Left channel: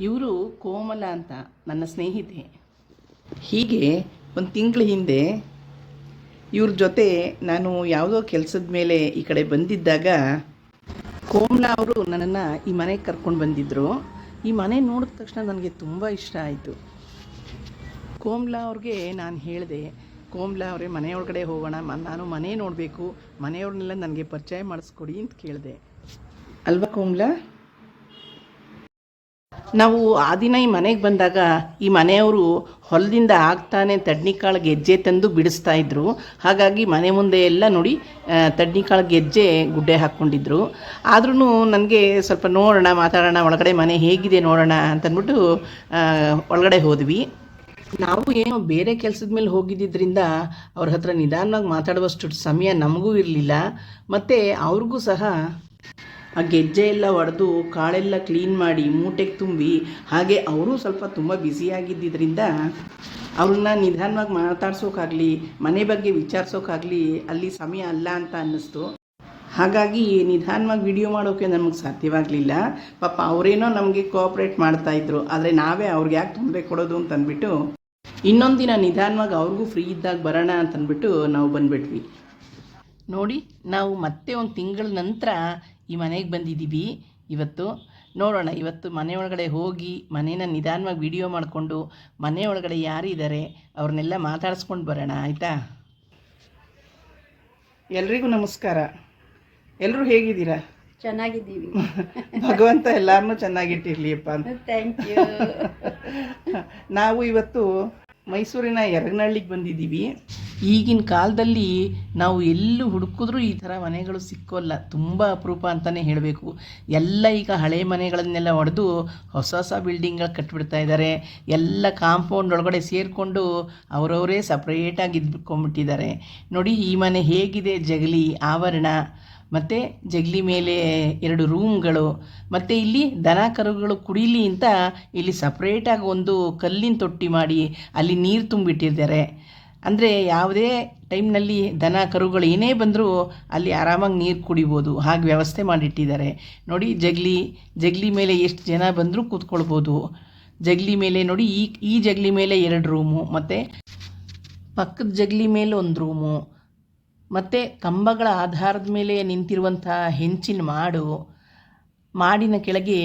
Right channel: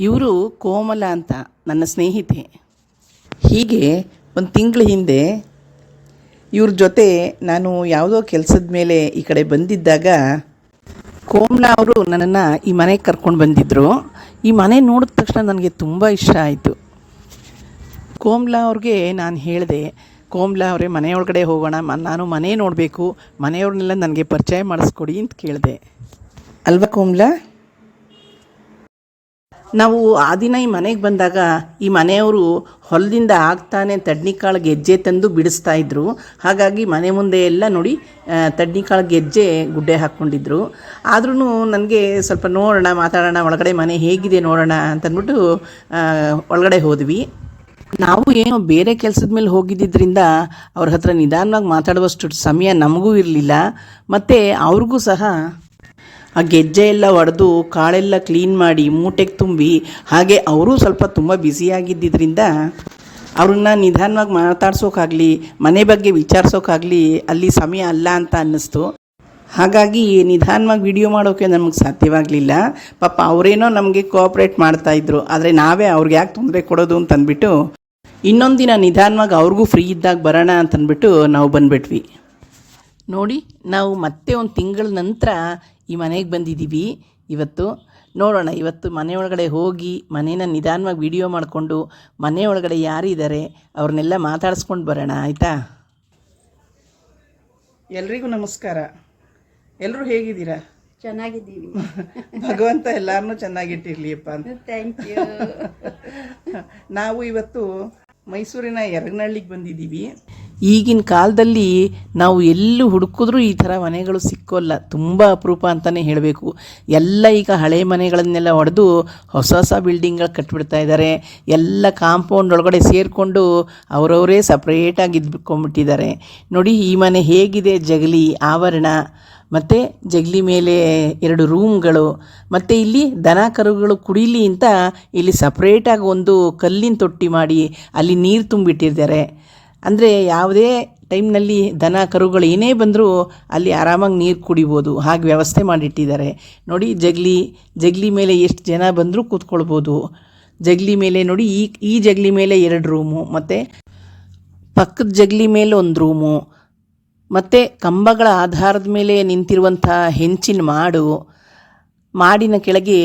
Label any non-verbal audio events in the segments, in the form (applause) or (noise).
ಇವರು ಕೋಮಲ ಅಂತ, ನನ್ನ ಸ್ನೇಹಿತೆ. ಹೀಗೆ ಒಂದು ತಿಂಗಳ ಹಿಂದೆ ಇವ್ರ ಜೊತೆ ನಾನು ಯಾವುದೋ ಕೆಲಸದ ಮೇಲೆ ಈ ಕಡೆ ಬಂದಿದ್ದಾಗ ಕೋಮಲ ಅವರು ನನ್ನನ್ನು ಈ ಮನೆಗೆ ಕರ್ಕೊಂಡು ಬಂದಿದ್ದರು ಈ ಮನೆ ನೋಡಿದ ತಕ್ಷಣ ನನಗೆ ತುಂಬ ಇಷ್ಟ ಆಯಿತು. ಕೋಮಲ ಅವ್ರಿಗೆ ನಾನು ಹೇಳಿದೆ, ಕೋಮಲ ಅವರೇ, ಮನೆಯೊಳಗಡೆ ಹೋಗೋಣ, ಮ, ನಾನು ಮನೆ ನೋಡಬೇಕು, ಮನೆಯವ್ರನ್ನೆಲ್ಲ ನನಗೆ ಪರಿಚಯ ಮಾಡಿಸ್ಕೊಡಿ ಅಂತ ಕೇಳಿದೆ. ಅಲ್ವಾ ಕೋಮ್ಲಾ? ನಾವು ಆ ದಿನ ಈ ಮನೆಗೆ ಬಂದಾಗ ಈ ಮನೆಯವರು ಹೊಲದಿಂದ ಆಗ್ತಾನೆ ತಡ್ನಿಕಾಳು ಗೆಜ್ಜೆ ತಂದು ಬಿಡಿಸ್ತಾ ಇದ್ರು. ಹಾಗಾಗಿ ಮನೆ ಮುಂದೆ ಎಲ್ಲ ನೋಡಿ ತಡ್ನಿಕಾಳು ಗೆಜ್ಜೆ ಗುಡ್ಡೆ ಹಾಕ್ಕೊಂಡಿದ್ರು. ಆದ್ರೂ ನನಗೆ ಸ್ವಲ್ಪ ನೋಡೋಣ, ಮಾತಾಡೋಣ, ಒಳಗಡೆ ಮನೆ ಹೇಗಿದೆ ನೋಡೋಣ ಅಂತಂದ್ಬಿಟ್ಟು ಒಳಗಡೆ ಹೋದ್ವಿ. ನಾವು ಏನೋ ಬೇರೆ ಕೆಲಸದ ಮೇಲೆ ಹೋಗಿದ್ದರಿಂದ ಅವ್ರ ಹತ್ರ ನಿಧಾನವಾಗಿ ಮಾತಾಡುವಷ್ಟು ಸಮಯ ನಮಗೂ ಇರಲಿಲ್ಲ. ಮತ್ತು ಅವ್ರಿಗೂ ಸಹ ಆ ಗೆಜ್ಜೆ ಎಲ್ಲ ಒಡೆದು ಕಾಳೆಲ್ಲ ಕ್ಲೀನ್ ಮಾಡಿ ಮೂಟೆಗೆ ತುಂಬಿ, ಹಾಗೆ ಅವರು ಸ್ವಲ್ಪ ತುಂಬ ಬ್ಯುಸಿಯಾಗಿದ್ದರಿಂದ ಅವ್ರನ್ನ ನಿಧಾನವಾಗಿ ಮಾತಾಡ್ಸೋಕ್ಕಾಗಲಿ ಮನೆ ಬಗ್ಗೆ ವಿಚಾರಿಸೋಕ್ಕಾಗಲಿ ಅಲ್ಲಿ ಸಮಯ ಅಲ್ಲ ಅಂತ ಅನ್ನಿಸ್ತು. ಹಾಗಾಗಿ ನಿಧಾನವಾಗಿ ವಿಡಿಯೋ ಮಾಡೋಕ್ಕೆ ನಮಗೆ ಸಾಧ್ಯವಾಗಲಿಲ್ಲ. ಪಾಪ ಅವರೇನೋ ನಮಗೆ ಕೋಆಪ್ರೇಟ್ ಮಾಡ್ತಾಯಿದ್ರು ಆದರೆ ನಾವೇ ಅವ್ರಿಗೆ ಯಾಕೆ ತೊಂದರೆ ಕೊಡೋದು ಅಂತ ಅಂದ್ಬಿಟ್ಟು ಇನ್ನೊಂದು ದಿನ ನಿಧಾನವಾಗಿ ಅವ್ರಿಗೂ ಫ್ರೀ ಇದ್ದಾಗ ಬರೋಣ ಅಂತಂದ್ಬಿಟ್ಟು ನಾವು ಬಂದ್ಬಿಟ್ವಿ. ನೋಡಿ, ನಾವು ಮತ್ತೆ ಒಂದು ತಿಂಗಳ ನಂತರ ಈ ಮನೆಗೆ ಬಂದಿದ್ದೀವಿ ಇವತ್ತು ನೋಡೋಣ ಇವತ್ತು ಮನೆಯೊಳಗಡೆ ಹೋಗಿ ಮನೇನ ನಿಧಾನವಾಗಿ ವಿಡಿಯೋ ಮಾಡಿಕೊಂಡು ಮನೆಯೊಳಗಡೆ ಯಾರಿದ್ದಾರೆ ಅವ್ರನ್ನೆಲ್ಲ ಮಾತಾಡಿಸ್ಕೊಂಡು ಬರೋಣ ಆಯಿತಾ? ಎಲ್ರಿಗೂ ನಮಸ್ಕಾರ. ಎಲ್ಲರೂ ಹೇಗಿದ್ದೀರಾ? ಚೆನ್ನಾಗಿದ್ದೀವಿ. (laughs) ಭಗವಂತ ಎಲ್ಲರನ್ನೂ ಚೆನ್ನಾಗಿಟ್ಟಿರ್ಲಿಯಪ್ಪ ಅಂತ. ಥ್ಯಾಂಕ್ ಯು (laughs) ನಾವು ಇವತ್ತು ಮೈಸೂರಿನ ಎರಗನಹಳ್ಳಿಗೆ ಬಂದಿದ್ದೀವಿ. ಈಗಿನ ಕಾಲದಲ್ಲಿ ನಾವು ಎಲ್ಲೂ ಹುಡುಕಿದ್ರೂ ಈ ಥರ ಮನೆಗಳು ಸಿಕ್ಕೋಲ್ಲ. ತುಂಬ ಅಪರೂಪ ಅಂತಲೇ ಹೇಳಬೇಕು. ಎಲ್ಲ ಈಗ ಹಳೆ ಮನೆಗಳನ್ನೆಲ್ಲ ಹೊಡೆದು ಹೊಸ ಹೊಸ ಬಿಲ್ಡಿಂಗ್ಗಳು ಕಟ್ಟಿಬಿಡ್ತಾ ಇದ್ದಾರೆ. ಎಲ್ಲ ಕಾಂಪೌಂಡ್ ಒಳಗಡೆ ಸೇರಿಕೊಂಡು ಅವರವರೇ ಸಪ್ರೇಟಾಗಿ ಇದ್ಬಿಟ್ಕೊಂಡ್ಬಿಟ್ಟಿದ್ದಾರೆ. ನೋಡಿ ಈ ಮನೆ ಹೇಗಿದೆ? ಜಗಲಿ, ಆವರಣ, ಮತ್ತು ಜಗಲಿ ಮೇಲೆ ಎರಡು ರೂಮ್ಗಳು ಮತ್ತು ಇಲ್ಲಿ ದನ ಕರುಗಳು ಕುಡಿಲಿ ಅಂತ ಇಲ್ಲಿ ಸಪ್ರೇಟಾಗಿ ಒಂದು ಕಲ್ಲಿನ ತೊಟ್ಟಿ ಮಾಡಿ ಅಲ್ಲಿ ನೀರು ತುಂಬಿಟ್ಟಿದ್ದಾರೆ. ಅಂದರೆ ಯಾವುದೇ ಟೈಮ್ನಲ್ಲಿ ದನ, ಕರುಗಳು ಏನೇ ಬಂದರೂ ಅಲ್ಲಿ ಆರಾಮಾಗಿ ನೀರು ಕುಡಿಬೋದು. ಹಾಗೆ ವ್ಯವಸ್ಥೆ ಮಾಡಿಟ್ಟಿದ್ದಾರೆ. ನೋಡಿ, ಜಗಲಿ ಜಗಲಿ ಮೇಲೆ ಎಷ್ಟು ಜನ ಬಂದರೂ ಕೂತ್ಕೊಳ್ಬೋದು. ಜಗಲಿ ಮೇಲೆ ನೋಡಿ, ಈ ಈ ಜಗಲಿ ಮೇಲೆ ಎರಡು ರೂಮು, ಮತ್ತು ಪಕ್ಕದ ಜಗಲಿ ಮೇಲೆ ಒಂದು ರೂಮು, ಮತ್ತು ಕಂಬಗಳ ಆಧಾರದ ಮೇಲೆ ನಿಂತಿರುವಂಥ ಹೆಂಚಿನ ಮಾಡು, ಮಾಡಿನ ಕೆಳಗೆ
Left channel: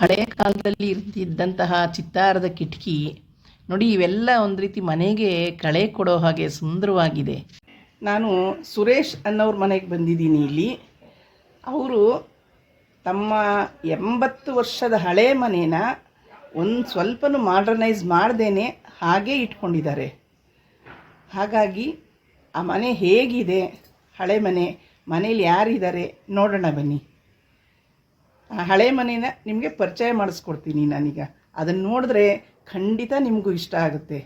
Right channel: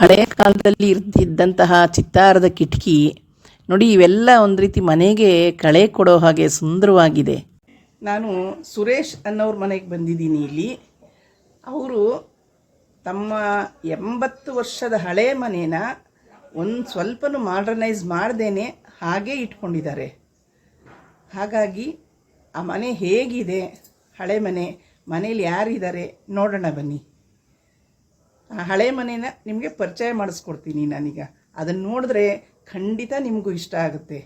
ಹಳೆಯ ಕಾಲದಲ್ಲಿ ಇರ್ತಿದ್ದಂತಹ ಚಿತ್ತಾರದ ಕಿಟಕಿ ನೋಡಿ, ಇವೆಲ್ಲ ಒಂದು ರೀತಿ ಮನೆಗೆ ಕಳೆ ಕೊಡೋ ಹಾಗೆ ಸುಂದರವಾಗಿದೆ. ನಾನು ಸುರೇಶ್ ಅನ್ನೋರ ಮನೆಗೆ ಬಂದಿದ್ದೀನಿ ಇಲ್ಲಿ. ಅವರು ತಮ್ಮ ಎಂಬತ್ತು ವರ್ಷದ ಹಳೆ ಮನೇನ ಒಂದು ಸ್ವಲ್ಪನೂ ಮಾಡರ್ನೈಸ್ ಮಾಡ್ದೇನೆ ಹಾಗೇ ಇಟ್ಕೊಂಡಿದ್ದಾರೆ. ಹಾಗಾಗಿ ಆ ಮನೆ ಹೇಗಿದೆ? ಹಳೆ ಮನೆ, ಮನೇಲಿ ಯಾರಿದ್ದಾರೆ? ನೋಡೋಣ ಬನ್ನಿ. ಆ ಹಳೆ ಮನೇನ ನಿಮಗೆ ಪರಿಚಯ ಮಾಡಿಸ್ಕೊಡ್ತೀನಿ ನಾನೀಗ. ಅದನ್ನು ನೋಡಿದ್ರೆ ಖಂಡಿತ ನಿಮಗೂ ಇಷ್ಟ ಆಗುತ್ತೆ.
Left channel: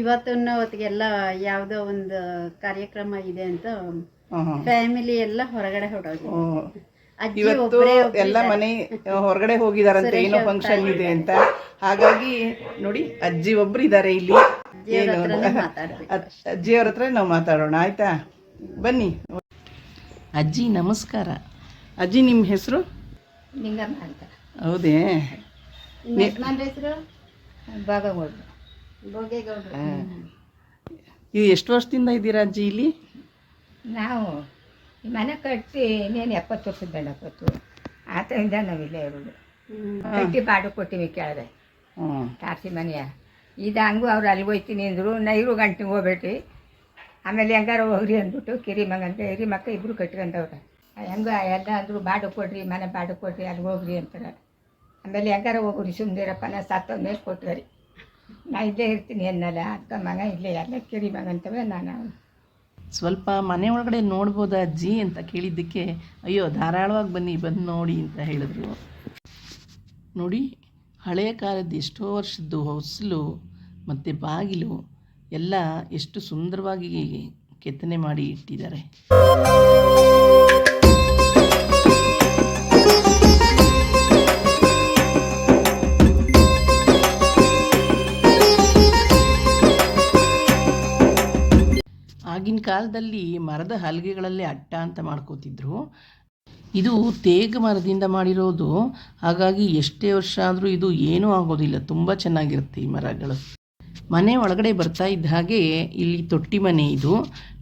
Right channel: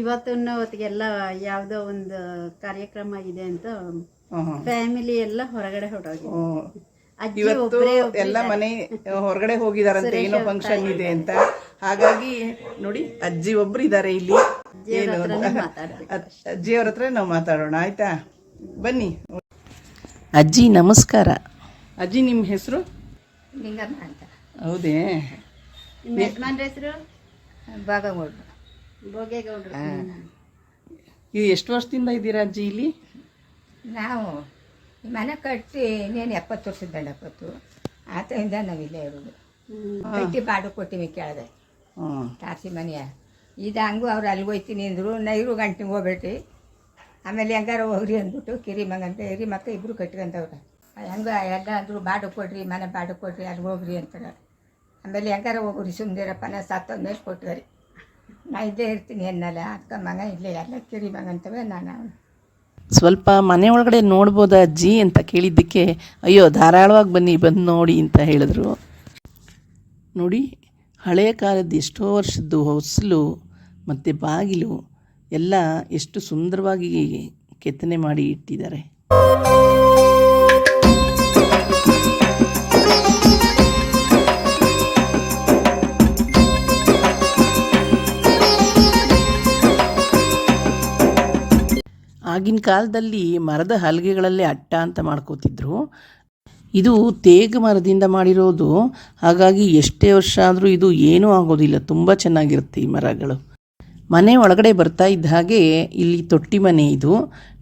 ಇವತ್ತಿನ ಹೊತ್ತಿಗೆಲ್ಲ ಯಾವುದೋ ಒಂದು ಕಾರ್ಯಕ್ರಮ ಇದೆ ಅಂತ. ಫ್ಯಾಮಿಲಿ ಎಲ್ಲ ಹೊರಗಡೆ ಹೊರಟೋಗಿ ಇವತ್ತು ಎಲ್ಲ ಮನೆ ಹೊರಗಡೆ ಹೋಗಿದಾರಂತೆ ಏನೋ ಫಂಕ್ಷನ್ ಇದೆ ಅಂತ. ಹಾಗಾಗಿ ನೋಡಿ ಅಜ್ಜಿ ಒಬ್ರು ಇದ್ದಾರೆ ಇಲ್ಲಿ. ಅಜ್ಜಿಯವ್ರ ಹತ್ರ ನಾವು ಮಾತಾಡೋಣ ಆಯ್ತಾ? ಬನ್ನಿ. ಅಜ್ಜಿ ನಮಸ್ಕಾರ. ಅಜ್ಜಿ ನಿಮ್ಮ ಹೆಸರು? ಹೌದೇ. ನನ್ನ ಹೆಸರು? ಭೋಗೇಗೌಡ್ರು. ಇದು ಎಷ್ಟು ವರ್ಷದಿಂದ ಇದ್ದೀರಾ ಅಜ್ಜಿ ಇಲ್ಲಿ? ನಾವು ಈ ಮನೆ ಕಟ್ಟಿ ಇನ್ನೇನು ಎಪ್ಪತ್ತು ವರ್ಷದ ಬೆಳಪತ್ತು ಆತರಿಂದ ನಾವಿಲ್ಲೇ ಇರೋದು. ಕಟ್ಟಿ ಬಾಡು ಕೊಟ್ಟಿವಿ ಕೇಳಿದೆ ಹ್ಞೂ ತಾರಸಿ ಮನೆಯ. ಇದು ಹಂಗೂ ಅವ್ರು ಅಲ್ಲಿ ಹೋಯ್ತೀನಿ ಅಂದರು ನೈರು ಗಂಟೆ ಹೋಗ್ಬೇಟಿ ಆಮೇಲೆ ಹೆಂಗಾರ ಹೋಗ್ರಿ ಅಂದ್ಬಿಟ್ಟು ಕಿರಿ ಮಗಂತ ಹಿರಿ ಮಕ್ಕ ಇಬ್ಬರು ಕಟ್ಕೊಂಡವ್ರೆ ಹೆಂಗ ಎಲ್ಲ ಅಂದರು ಬಾಡು ಕೊಡ್ರಿ ಮನೆ ಬಾಡು ಕೊಡ್ರಿ ಅಲ್ಲಿ ಹೋಗ್ರಿ ಅಂತಾರೆ. ಆಮೇಲೆ ಹೆಂಗಾರ ಹೋಗ್ರಿ ಸುಮ್ಮನಿರಪ್ಪ ನಾ ಸತ್ತೋದ್ಮೇಲೆ ಕೊಟ್ರಿ ನಾ ಇಲ್ಲೇ ಇರ್ತೀನಿ ಅನ್ನಲ್ಲ ಅಕ್ಕ ಮಗ ಇಲ್ಲೇ ಎಲ್ಲ ಕಿರಿ ಮಗಂತವೆ ನಾನು ಸ್ವಲ್ಪ ಮನೆ ಒಳಗಡೆ ನೋಡ್ಬೋದಾ ಅಜ್ಜಿ ಅಂತ ಕೇಳಿದ್ದಕ್ಕೆ, ಅಯ್ಯೋ ಧಾರಾಳವಾಗಿ ಬನ್ನಿ, ಬಂದು ನೋಡಿ ಅಂತ ಹೇಳಿದ್ರು. ನೋಡಿ ಹಳೆಯ ಕಾಲದ ಎಷ್ಟೋ ವರ್ಷದ್ದು ಹೊಸಲು ಮತ್ತು ಬಾಗಿಲು ಎಲ್ಲ ಎಷ್ಟು ಸುಂದರವಾಗಿ ಕೆತ್ತನೆ ಮಾಡಿ ಇಟ್ಟಿದ್ದಾರೆ. ಕಾಲದಲ್ಲಿ ಮರದ ಹಲಗೆಗಳಲ್ಲೇ ಅಟ್ಟ ಅಂತ ಮಾಡ್ಕೋತಿದ್ರು. ಇದು ತೇಗ ಮರದಿಂದ ಮಾಡಿರೋದು. ಹಾಗಾಗಿ ಎಷ್ಟೇ ವರ್ಷ ಆದರೂ ಇದು ಏನೂ ಆಗೋದಿಲ್ಲ. ತುಂಬ ಚೆನ್ನಾಗಿರುತ್ತೆ ಈ ಮರಗಳು. ಮನೆ ಒಳಗಡೆ ಬರ್ತಾ ಇದ್ದ ಹಾಗೆ ಇಲ್ಲಿ ತೊಟ್ಟಿ ಮನೆ ಇದು.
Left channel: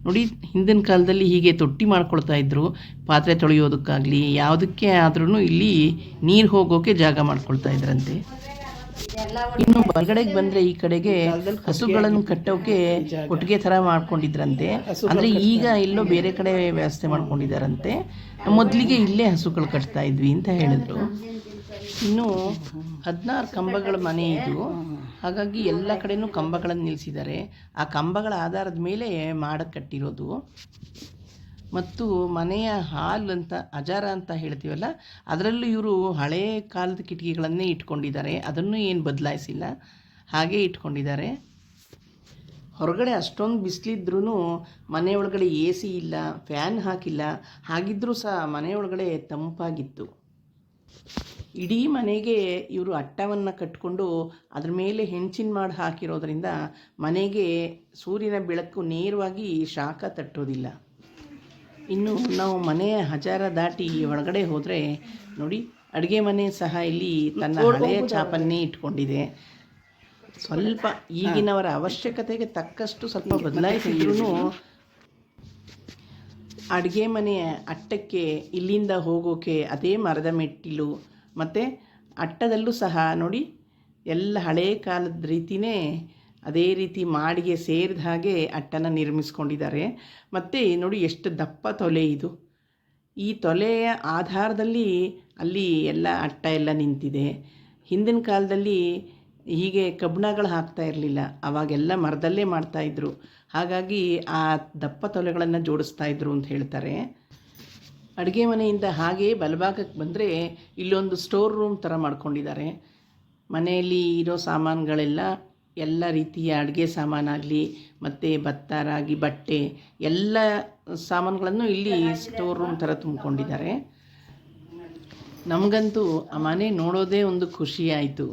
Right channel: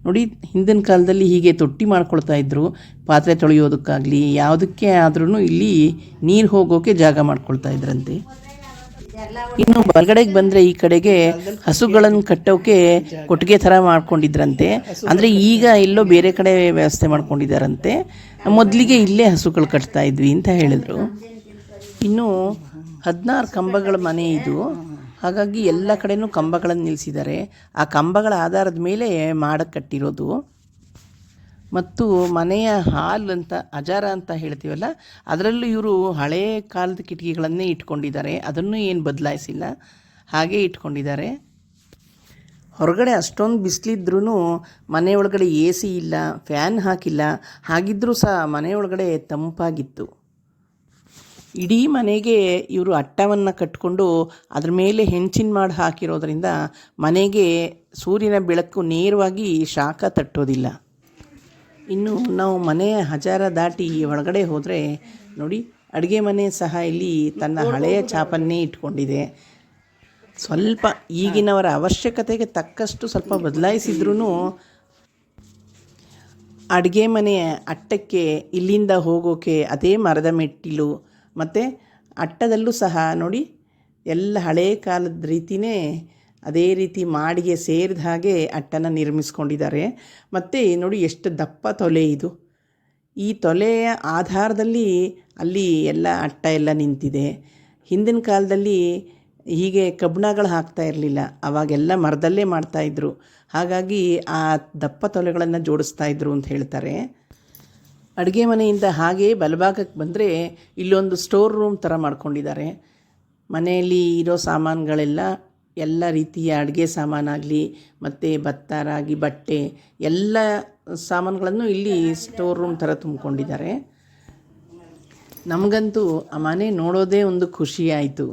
ನೋಡಿ, ಹಿಂದಿನ ಕಾಲದಲ್ಲಿ ಹೀಗೆ ತೊಟ್ಟಿ ಮಾಡ್ಕೊಳ್ತಾ ಇದ್ರು. ಪಾತ್ರೆ ತೊಳೆಯೋದಕ್ಕಾಗಲಿ, ಯಾವುದಕ್ಕೆ ಆದ್ರೂ ಇಲ್ಲಿ ನೀರು ಹೋಗೋಕೆ ಜಾಗ ಮಾಡ್ಕೊಳ್ತಾ ಇದ್ರಂತೆ. ಇನ್ನು ಬಲಗಡೆಗೆ ಬಂದರೆ ಈ ಕಡೆಗೆ ಹಸುಗಳನ್ನು ಕಟ್ಟೋಕೆ ಕೊಟ್ಟಿಗೆ ಥರ ಮಾಡ್ಕೊಂಡಿದ್ರಂತೆ. ಅಂದರೆ ಈಗ ಎಲ್ಲೋ ಬೇರೆ ಕಡೆ ವ್ಯವಸ್ಥೆ ಮಾಡ್ಕೊಂಡಿದ್ದಾರಂತೆ. ಮೊದಲಿಗೆ ಇಲ್ಲೇ ಹಸುಗಳು ಕಟ್ತಾ ಇದ್ವಿ ಅಂತ ಹೇಳಿದ್ರು. ಇನ್ನು ಹದಿನಾರು ಕಂಬಗಳ ಮನೆ ಇದು. ಹಾಗಾಗಿ ಎಲ್ಲ ಕಡೆನೂ ಕಂಬಗಳನ್ನು ನಿಲ್ಲಿಸಿದ್ದಾರೆ ಆ ಕಂಬಗಳ ಆಧಾರದ ಮೇಲೆ ಮಾಡಕ್ಕೆ ಕಟ್ಟಿರೋದು. ಮತ್ತು ಮನೆಯ ಹಾಲ್ ಅಂತ, ಅಜಾರ ಅಂತ ಹೇಳ್ತೀವಲ್ಲ, ಅದರಲ್ಲೂ ಇವರು ಹಳೆಯ ಕಾಲದ ಕಿಟಕಿಗಳನ್ನೇ ಇಟ್ಕೊಂಡಿದ್ದಾರೆ. ಅದನ್ನು ಏನು ಬದಲಾಯಿಸಿಲ್ಲ. ಹಾಗೆ ಇಟ್ಕೊಂಡಿದ್ದಾರೆ. ಹೊರಗಡೆ ಅಷ್ಟೊಂದು ಬಿಸಿಲಿದ್ರೂ ಮನೆ ಒಳಗಡೆ ಎ ಸಿ ಇಲ್ಲ, ಫ್ಯಾನ್ ಹಾಕಿಲ್ಲ. ಹಾಗಿದ್ದರೂ ಸಹ ಮನೆಯೊಳಗಡೆ ತಂಪಾಗಿತ್ತು. ಇಡೀ ಮನೆಗೆ ಇವರು ಅಟ್ಟವನ್ನು ಕಟ್ಕೊಂಡು ಅದ್ರ ಮೇಲೆ ಹೆಂಚಿನ ಮಾಡಿ ಹಾಕಿರೋದ್ರಿಂದ ಮನೆಗೆ ಸೂರ್ಯನ ಬೆಳಕು ನೇರವಾಗಿ ಶಾಖ ತಟ್ಟೋದಿಲ್ಲ. ಇನ್ನು ನಾವು ಮನೆಯ ಹಜಾರ ದಾಟಿ ಒಳಗಡೆ ಹೋದರೆ ನೋಡಿ ಅಡುಗೆ ಮನೆ ಸಹ ಇಲ್ಲಿ ತನ್ನ ಹಳೆಯ ಚಾಪನ್ನೇ ಇಟ್ಕೊಂಡಿದೆ. ಸ್ವಲ್ಪ ಈಗಿನವರ ಅವಶ್ಯಕತೆಗೆ ತಕ್ಕಷ್ಟು ಸ್ವಲ್ಪ ಬದಲಾಯಿಸಿದ್ರೂ ಅಡುಗೆ ಮನೆಯ ಅಟ್ಟಕ್ಕೆ ಇಲ್ಲಿಂದ ಹೋಗೋಕೆ ಅದೇ ಮರದ ಮೆಟ್ಟಿಲು ಮತ್ತು ಅಟ್ಟದಲ್ಲೂ ಸಹ ನೋಡಿ ಎಲ್ಲ ಹಳೆಯ ಕಾಲದ ರೀತಿಯೇ ಅದೇ ರೀತಿ ಮಾಡಿಗೆ ಸೇರಿದ ಹಾಗೆ ಅಟ್ಟನ ನಿರ್ಮಿಸ್ಕೊಂಡಿದ್ದಾರೆ. ಮತ್ತು ನೋಡಿ ಎಷ್ಟು ದಪ್ಪ ತೊಲೆ ಇದು. ಈ ತೊಲೆಯ ಆಧಾರದಲ್ಲಿ ಅಲ್ಲಿ ಎಲ್ಲ ಅಟ್ಟ ಎಲ್ಲ ನಿಂತಿದೆ. ಹಿಂದಿನ ಕಾಲದಲ್ಲಿ ಹೀಗೆ ಕಬ್ಬಿಣಗಳು ಹಾಕ್ತಾ ಇರಲಿಲ್ಲ. ಅವಾಗೆಲ್ಲ ಮರದಲ್ಲೇ ಮಾಡ್ತಾಯಿದ್ರು ಹಾಗಾಗಿ ಆ ದಪ್ಪ ತೊಲೆಗಳನ್ನು ಜೋಡಿಸ್ತಾ ಇದ್ರು ಅಂತ ಹೇಳ್ತಾರೆ. ಅಡುಗೆ ಮನೆಯಿಂದ ಹಾಗೆ ಬಲಭಾಗಕ್ಕೆ ಬಂದರೆ ಇಲ್ಲೊಂದು ಸ್ಟೋರ್ ರೂಮ್ ಥರ ಮಾಡ್ಕೊಂಡಿದ್ದಾರೆ. ಮನೆಯಲ್ಲಿ ಇರೋ ಸಾಮಾನುಗಳೆಲ್ಲ ಎಲ್ಲ ರೀತಿಯ ಅಡುಗೆ ಸಾಮಾನಾಗಲಿ ಮತ್ತು ಭತ್ತ ರಾಗಿ ಬಟ್ಟೆ, ಎಲ್ಲ ಸಾಮಾನುಗಳನ್ನು ಇಲ್ಲಿ ಸ್ಟೋರ್ ರೂಮ್ ಥರ ತುಂಬಿಕೊಂಡಿದ್ದಾರೆ. ನಮಗಂತೂ ಆ ಮನೆ ನೋಡೋದೇ ಒಂದು ಖುಷಿ ಆಯಿತು.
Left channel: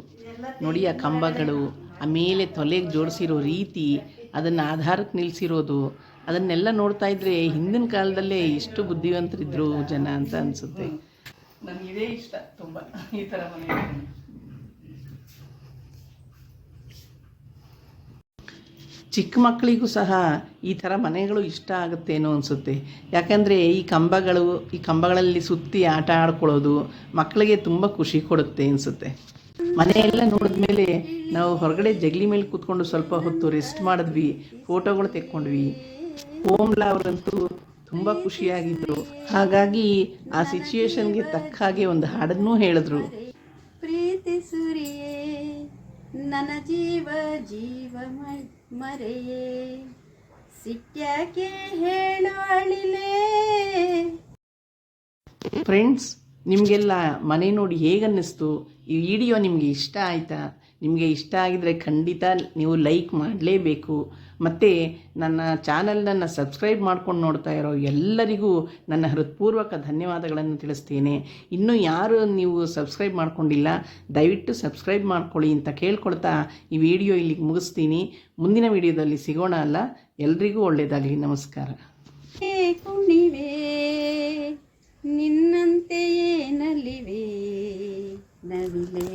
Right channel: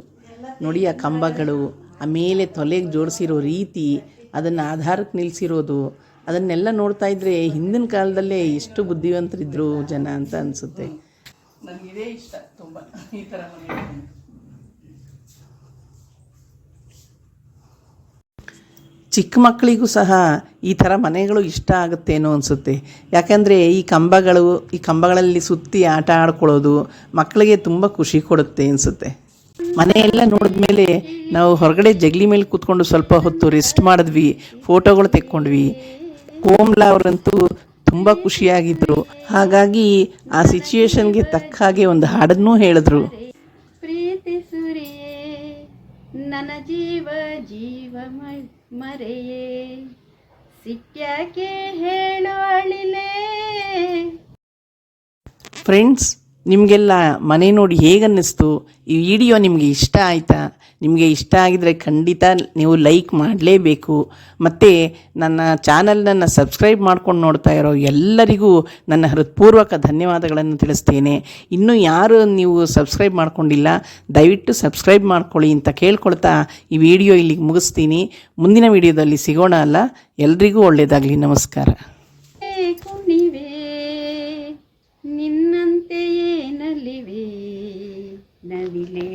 ನೋಡಿ ಆ ಕಂಬಗಳು, ಆ ಮೇಲೆ ತೊಲೆಗೆ ಜೋಡಿಸಿರೋ ರೀತಿ, ಅದನ್ನು ಆಧಾರಕ್ಕೆ ನಿಲ್ಲಿಸಿರೋದು ಅದನ್ನೆಲ್ಲ ನೋಡ್ತಾ ಇದ್ರೆ ಹಿಂದಿನ ಕಾಲದಲ್ಲೇ ಎಷ್ಟು ಬುದ್ಧಿವಂತರಿದ್ರು ಜನ ಅಂತ ಅನಿಸುತ್ತೆ. ನನಗೆ ಇದೇ ಇಷ್ಟ ತುಂಬ ಈ ಥರ ಮನೆ ಚಿಕ್ಕ ಮಕ್ಕಳಿಗೂ ಸಹ ಈ ಥರ ಮನೆಗಳು ಇಷ್ಟ ಆಗುತ್ತೇನೋ ಅನಿಸುತ್ತೆ. ಯಾಕಂದರೆ ಈ ಕಂಬಗಳು, ಈ ಕಂಬಗಳಲ್ಲಿ ಸುತ್ತಿ ಆಟ ಆಡ್ಕೊಳ್ಳೋದು ಮಕ್ಕಳಿಗೆ ತುಂಬ ಖುಷಿ ಕೊಡುತ್ತೆ ಅನಿಸುತ್ತೆ. ಮನೆಯೆಲ್ಲ ನೋಡಿದ್ಮೇಲೆ ನಾವು ಹೊರಗಡೆ ಜಗಲಿ ಮೇಲೆ ಕೂತ್ಕೊಂಡು ಸ್ವಲ್ಪ ಹೊತ್ತು ರೆಸ್ಟ್ ಮಾಡಿದ್ವಿ ಫೋಟೋಗಳು ತೆಕ್ಕೊಂಡ್ವಿ. ಕೋಮ್ಲಾ ಅವರಂತೂ ತುಂಬ ಖುಷಿಯಾಗಿದ್ದರು ಹಾಗಾಗಿ ಆ ಸಿಚುಯೇಷನ್ಗೆ ತಕ್ಕ ಹಾಗೆ ಒಂದು ಹಾಡನ್ನೂ ಹೇಳಿದ್ರು. ಪ್ರೀತಿ ಸುರಿಯೇ, ನನ್ನ ಜೀವ ಜೀವ ಮರೆಯೇ? ಸಿಟ್ಯಾಕೆ ಹೇಳು ಅಳಿಲೇ? ಫ್ರೆಂಡ್ಸ್ ನಿಮಗೆಲ್ಲ ಮನೆ ನೋಡಿ ಹೇಗನ್ನಿಸ್ತು? ಈ ವಿಡಿಯೋ ನಿಮಗೆ ಇಷ್ಟ ಆಯಿತಾ? ನಿಮಗೆ ಇಷ್ಟ ಆಗಿದರೆ ಖಂಡಿತ ನೀವು ಲೈಕ್ ಮಾಡಲೇಬೇಕು. ಮತ್ತು ನನ್ನ ಚಾನಲನ್ನು ಸಬ್ಸ್ಕ್ರೈಬ್ ಮಾಡ್ಕೊಂಡು ನೋಡ್ತಾ ಇರೋ ಎಲ್ಲರಿಗೂ ನನ್ನ ಹೃತ್ಪೂರ್ವಕ ಧನ್ಯವಾದಗಳನ್ನು ತಿಳಿಸ್ತೇನೆ. ಇನ್ನೂ ಯಾರು ನೀವು ಸಬ್ಸ್ಕ್ರೈಬ್ ಮಾಡ್ಕೊಂಡಿಲ್ಲ, ದಯವಿಟ್ಟು ಸಬ್ಸ್ಕ್ರೈಬ್ ಮಾಡ್ಕೊಳ್ಳಿ ಅಂತ ಕೇಳ್ಕೊಳ್ತಾ ಈ ವಿಡಿಯೋ ಇಲ್ಲಿಗೆ ಮುಗಿಸ್ತೀನಿ. ಮುಂದಿನ ವಿಡಿಯೋದಲ್ಲಿ ಸಿಗೋಣ ಅಲ್ಲ? ಎಲ್ರಿಗೂ ಒಳ್ಳೆಯದಾಗಲಿ ನಮಸ್ಕಾರ. ನಿನ್ನ ನಲಿವೆ ನವಿಲೇ